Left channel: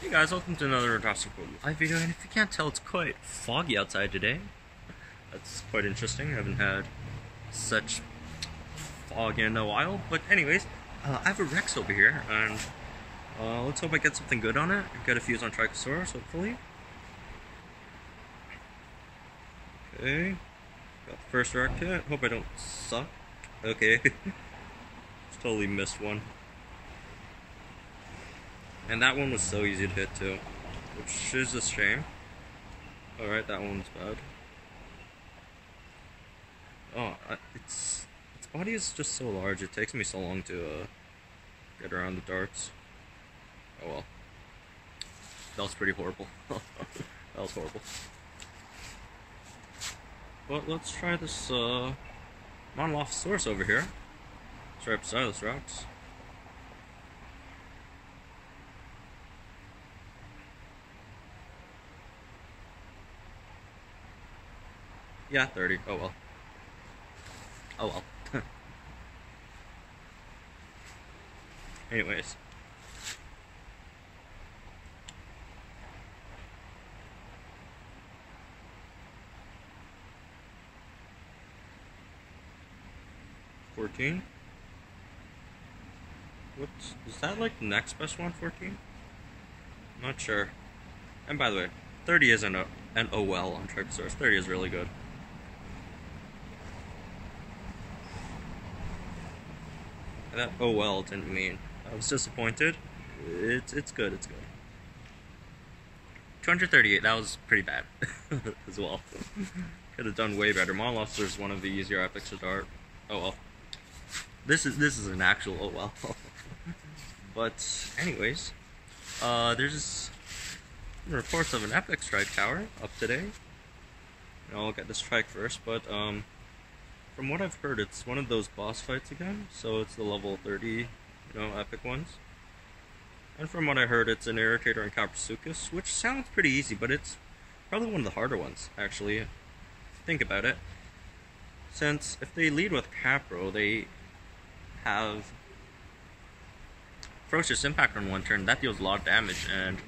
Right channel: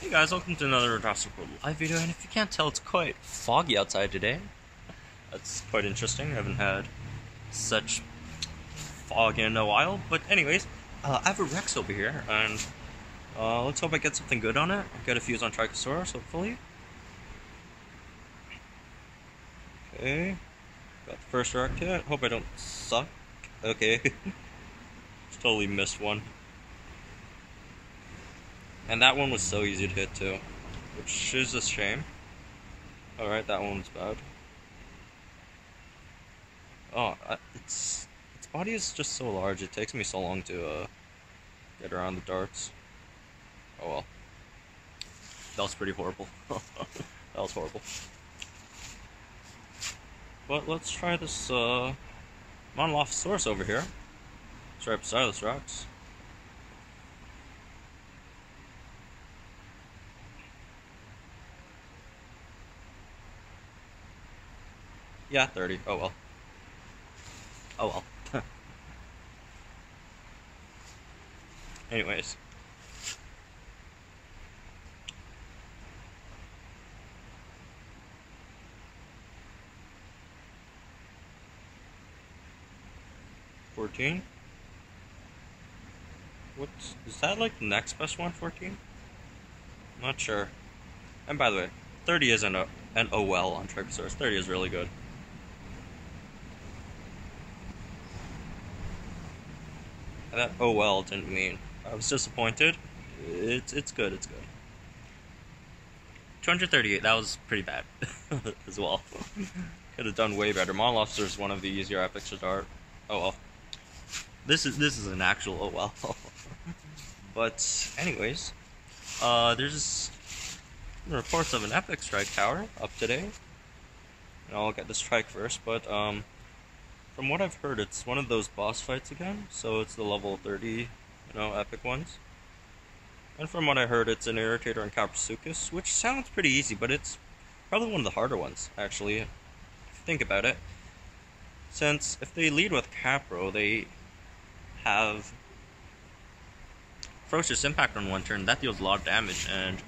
Hey guys, welcome to another Irritator live video, and if you can't tell, it's quite foggy outside today. That's quite interesting. I haven't had such fog in a while, but anyways, I have a Rex over here, and let's hope I get something good on it. Get a fuse on Trichosaurus, hopefully. Okay, got the first Rex hit. Hope I don't suck. Okay, totally missed one. And that one was so easy to hit too, which is a shame. Alright, that one was bad. Oh, its body is just so large, it takes me so long to get around the darts. Oh well. That was pretty horrible. That was horrible. But let's try this Monolophosaurus over here. Let's try beside this Rex. Yeah, 30. Oh well. Oh well. Anyways. $14? Is that like the next best one, 14? I'm not sure. And by the way, 30 isn't an OL on Trichosaurus. 30 is really good. That OL didn't mean I was disappointed. It's good, it's good. 238, that was pretty bad as well. Could have done way better. Monolophosaurus is one of the easier epics to dart. Oh well. This is an actual OL. But anyways, there's reports of an epic strike tower up today. And I'll get the strike first, but from what I've heard, it's one of those boss fights again, so it's the level 30, epic ones. And from what I heard, it's an Irritator and Kapro, which sounds pretty easy, but it's probably one of the harder ones, actually, if you think about it. Since if they lead with Kapro, they have Ferocious Impact on one turn, that deals a lot of damage, and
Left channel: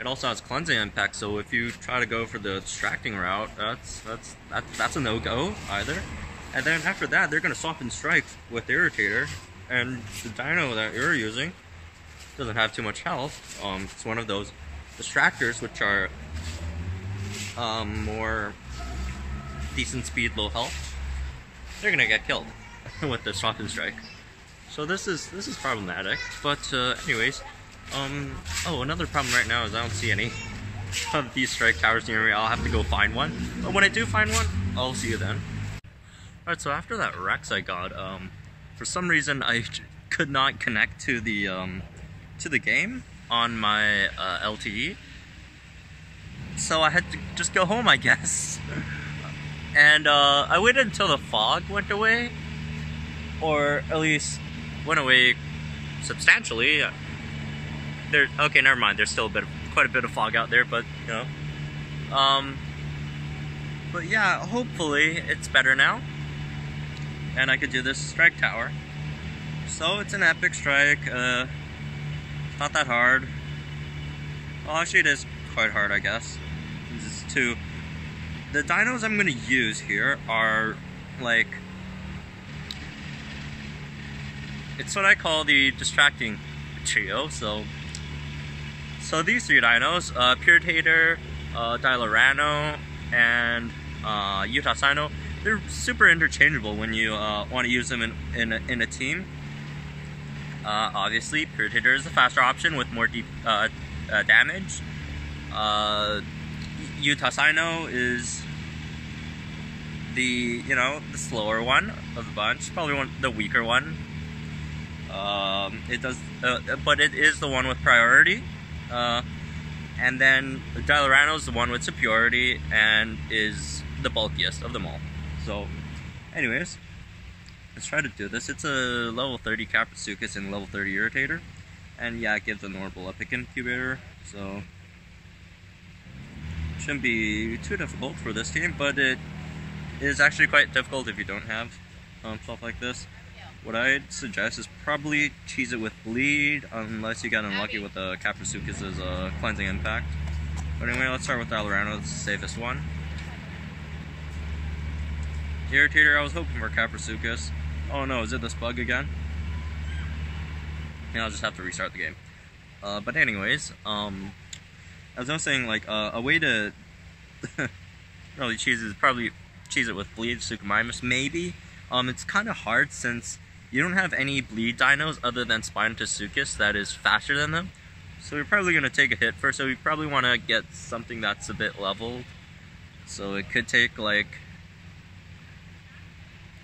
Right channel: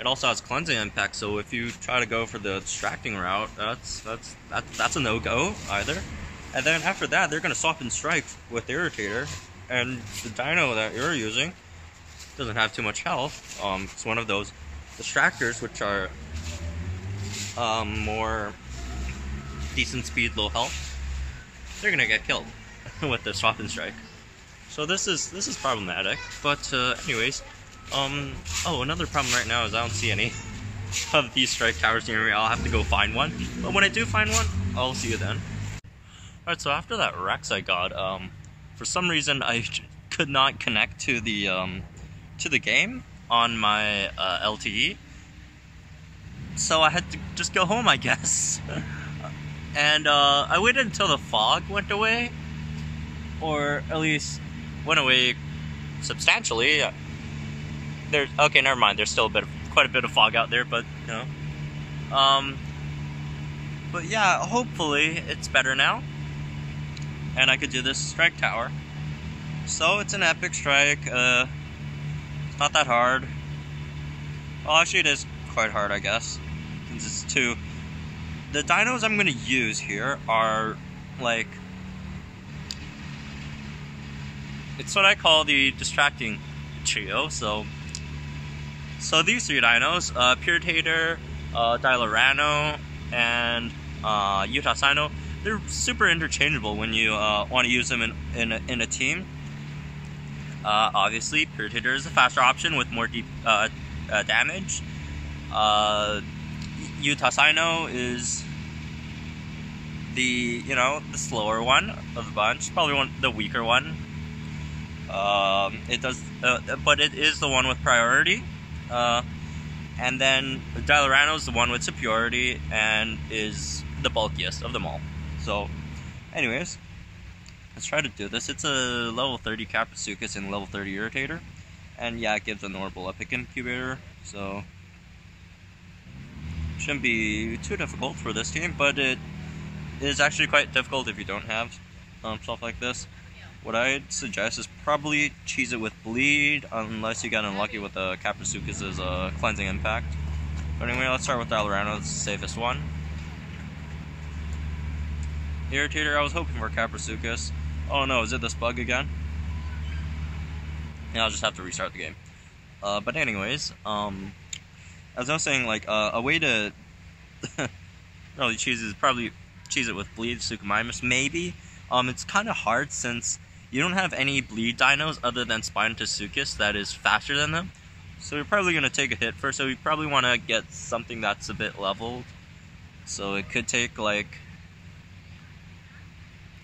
it also has Cleansing Impact, so if you try to go for the distracting route, that's a no-go either. And then after that, they're going to swap and strike with the Irritator, and the dino that you're using doesn't have too much health. It's one of those distractors, which are more decent speed, low health. They're going to get killed with the swap and strike. So this is problematic. But anyways, oh, another problem right now is I don't see any of these strike towers near me. I'll have to go find one. But when I do find one, I'll see you then. Alright, so after that Rex I got, for some reason I could not connect to the game on my LTE, so I had to just go home, I guess. And I waited until the fog went away, or at least went away substantially. Okay, never mind. There's still quite a bit of fog out there, but but yeah, hopefully it's better now. And I could do this strike tower. So it's an epic strike, not that hard. Well, actually it is quite hard, I guess. It's two. The dinos I'm gonna use here are like, it's what I call the distracting trio. So these three dinos, Irritator, Dilorano, and Utah Sino, they're super interchangeable when you want to use them in a team. Obviously, Irritator is the faster option with more deep damage. Utah Sino is the the slower one of the bunch, probably the weaker one. But it is the one with priority. And then Dilorano is the one with superiority and is the bulkiest of them all. So, anyways, let's try to do this. It's a level 30 Kapro and level 30 Irritator. And yeah, it gives a normal epic Incubator, so shouldn't be too difficult for this team, but it is actually quite difficult if you don't have stuff like this. what I'd suggest is probably cheese it with bleed, unless you get unlucky with the Kapro cleansing impact. But anyway, let's start with Alorano, the safest one. Irritator, I was hoping for Kapro. Oh no, is it this bug again? Yeah, I'll just have to restart the game. But anyways, as I was saying, like, a way to really cheese it with bleed, Suchomimus, maybe. It's kind of hard since you don't have any bleed dinos other than Spinosuchus that is faster than them. So you're probably going to take a hit first, so you probably want to get something that's a bit leveled. So it could take like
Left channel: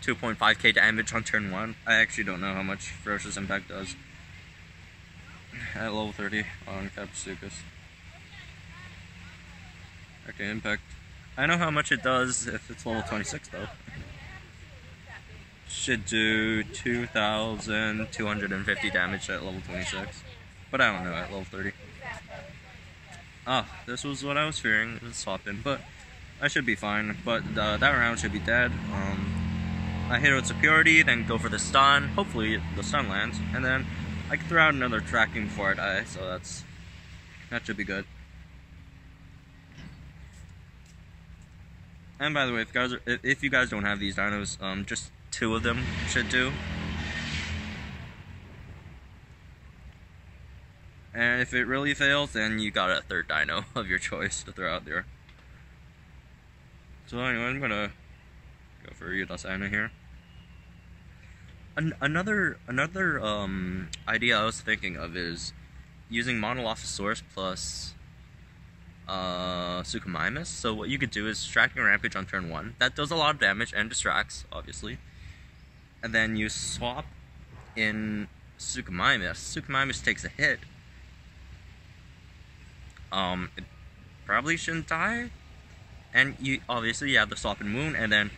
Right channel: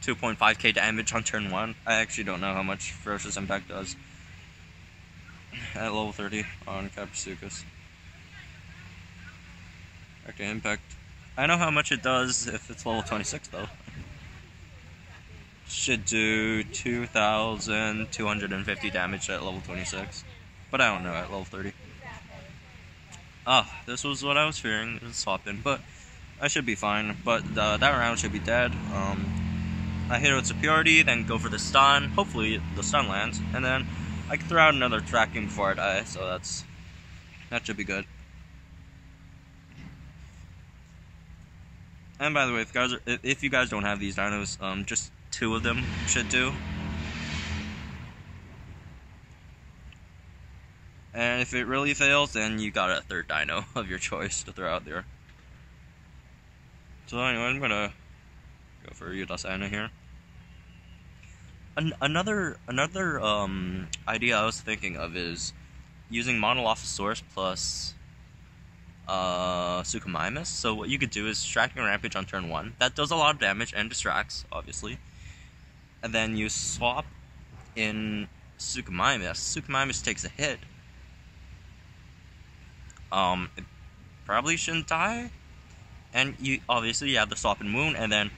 2.5k damage on turn 1. I actually don't know how much Ferocious Impact does at level 30 on Kapro. Okay, Impact. I know how much it does if it's level 26 though. Should do 2,250 damage at level 26. But I don't know at level 30. Ah, this was what I was fearing, swap in, but I should be fine. But that round should be dead. I hit it with Superiority, then go for the stun. Hopefully the stun lands, and then I can throw out another tracking before I die, so that should be good. And by the way, if you guys don't have these dinos, just 2 of them should do. And if it really fails, then you got a 3rd dino of your choice to throw out there. So anyway, I'm gonna go for Irritator here. Another idea I was thinking of is using Monolophosaurus plus Suchomimus. So what you could do is Distracting Rampage on turn 1. That does a lot of damage and distracts, obviously. And then you swap in Suchomimus. Suchomimus takes a hit. It probably shouldn't die. And you obviously have the swap and wound, and then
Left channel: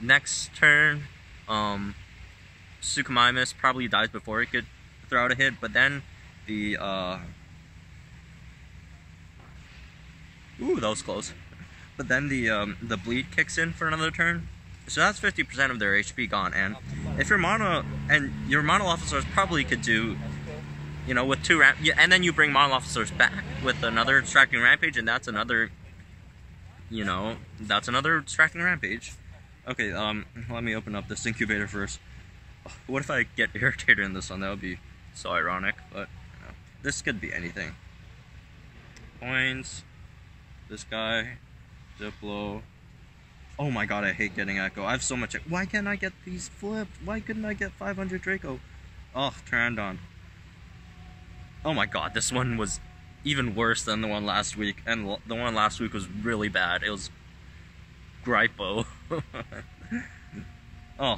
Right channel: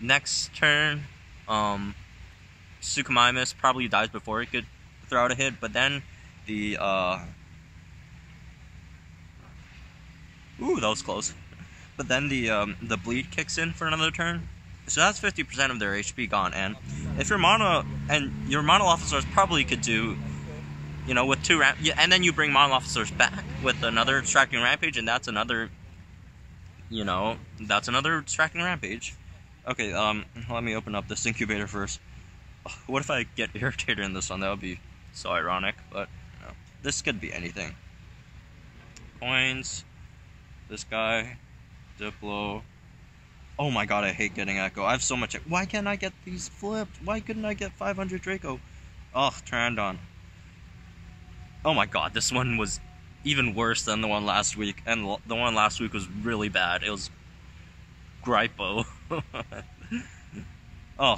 next turn, Suchomimus probably dies before it could throw out a hit, but then the ooh, that was close. But then the bleed kicks in for another turn. So that's 50% of their HP gone, and if your Monolophosaurus probably could do, you know, with 2 and then you bring Monolophosaurus back with another Distracting Rampage, and that's another, you know, that's another Distracting Rampage. Okay, let me open up this Incubator first. What if I get Irritator in this one? That would be so ironic, but, you know, this could be anything. Points, this guy, Diplo. Oh my god, I hate getting Echo. I have so much. Why can't I get these flipped? Why couldn't I get 500 Draco? Oh, Pteranodon. Oh my god, this one was even worse than the one last week, and the one last week was really bad. It was Gripo. Oh,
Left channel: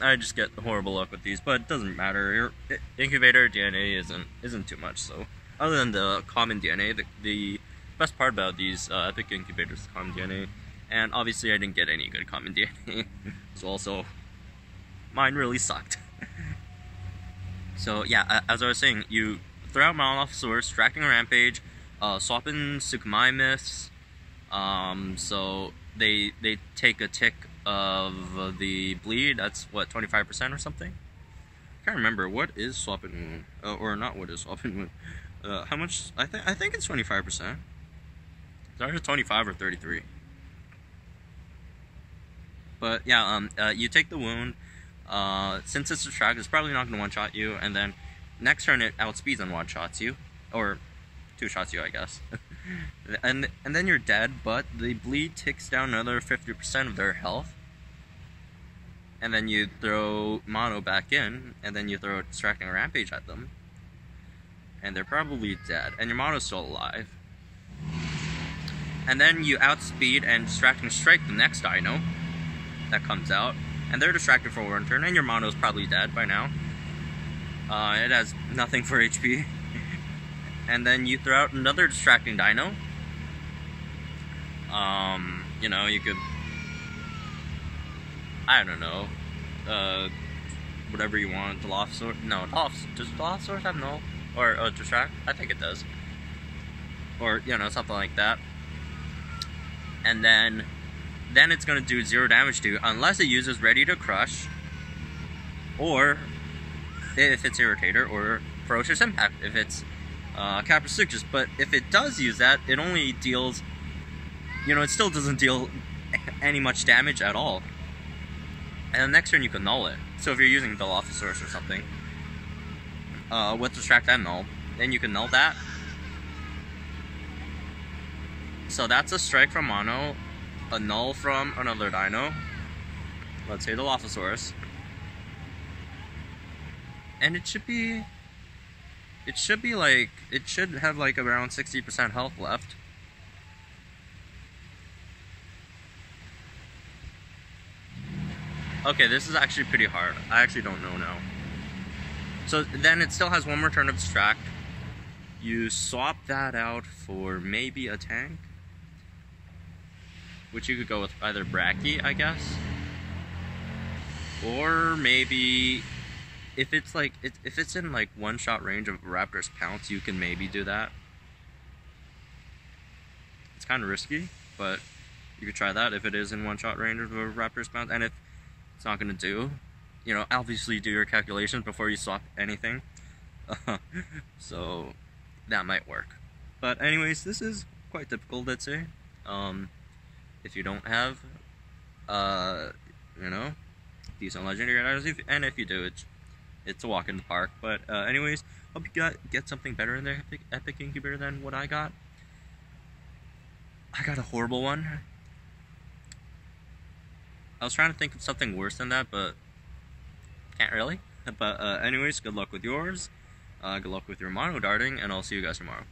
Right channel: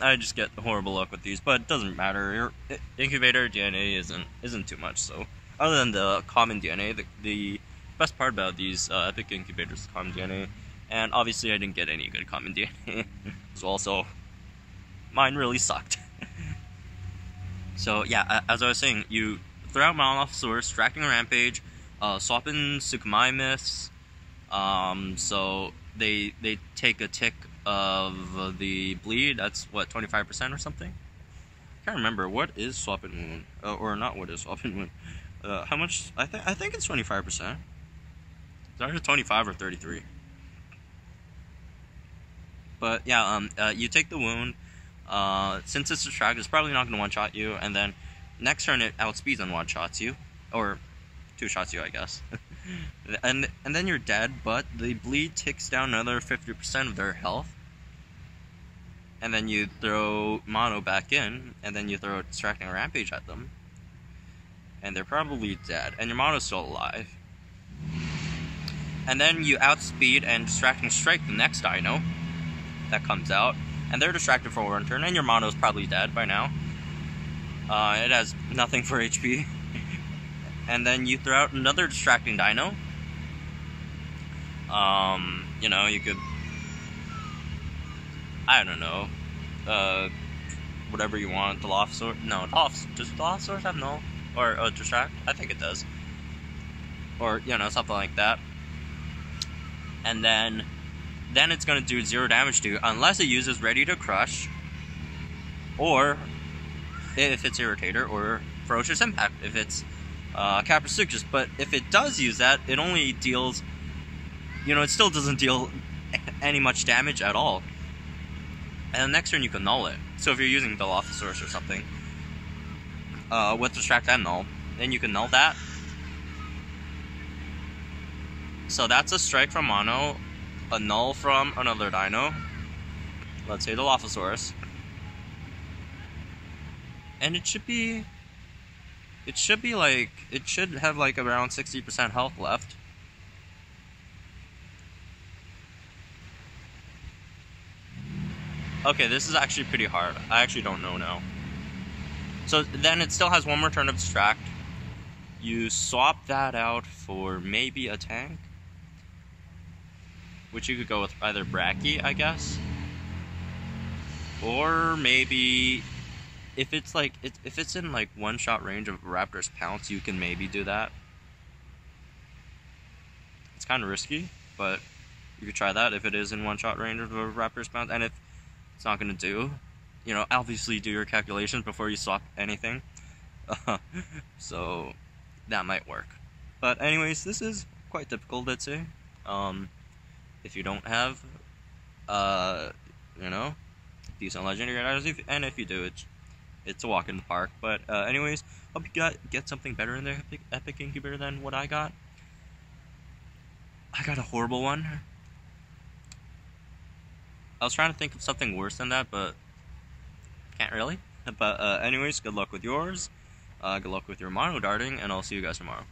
I just get horrible luck with these, but it doesn't matter. Incubator DNA isn't too much. So other than the common DNA, the best part about these epic incubators is the common DNA, and obviously I didn't get any good common DNA as well. So mine really sucked. So yeah, as I was saying, you throw out Monolophosaurus, Distracting Rampage, swap in Suchomimus. So they take a tick of the bleed. That's what, 25% or something. I can't remember what is swap and wound, or not. What is swap and wound? How much? I think it's 25%. It's either 25 or 33. But yeah, you take the wound. Since it's distract, it's probably not going to one-shot you, and then next turn it outspeeds and one-shots you, or 2-shots you, I guess. and then you're dead, but the bleed ticks down another 50% of their health. And then you throw Mono back in, and then you throw Distracting Rampage at them. And they're probably dead, and your Mono's still alive. And then you outspeed and Distracting Strike the next dino that comes out. And they're distracted for one turn, and your Mono's probably dead by now. It has nothing for HP. And then you throw out another Distracting Dino. You know, you could, I don't know, whatever you want. Dilophosaurus, no, does Dilophosaurus have null? Or Distract? I think it does. Or, you know, something like that. And then it's going to do 0 damage to you, unless it uses Ready to Crush, or if it's Irritator, or Ferocious Impact if it's Kapro. But if it does use that, it only deals, you know, it still doesn't deal any much damage at all. And the next turn you can null it. So if you're using Dilophosaurus or something, with Distract and Null, then you can null that. So that's a strike from Mono, a null from another dino, let's say Dilophosaurus. And it should have like around 60% health left. Okay, this is actually pretty hard. I actually don't know now. So then it still has one more turn of Distract. You swap that out for maybe a tank, which you could go with either Bracky, I guess, or maybe if it's like if it's in like one-shot range of Raptor's Pounce, you can maybe do that. It's kind of risky, but you could try that if it is in one-shot range of a Raptor's Pounce. And if it's not going to do, you know, obviously do your calculations before you swap anything. So that might work. But anyways, this is quite difficult, let's say. If you don't have, you know, decent legendary items, and if you do, it's a walk in the park. But anyways, hope you get something better in there, Epic Incubator, than what I got. I got a horrible one. I was trying to think of something worse than that, but can't really. But anyways, good luck with yours. Good luck with your mono darting, and I'll see you guys tomorrow.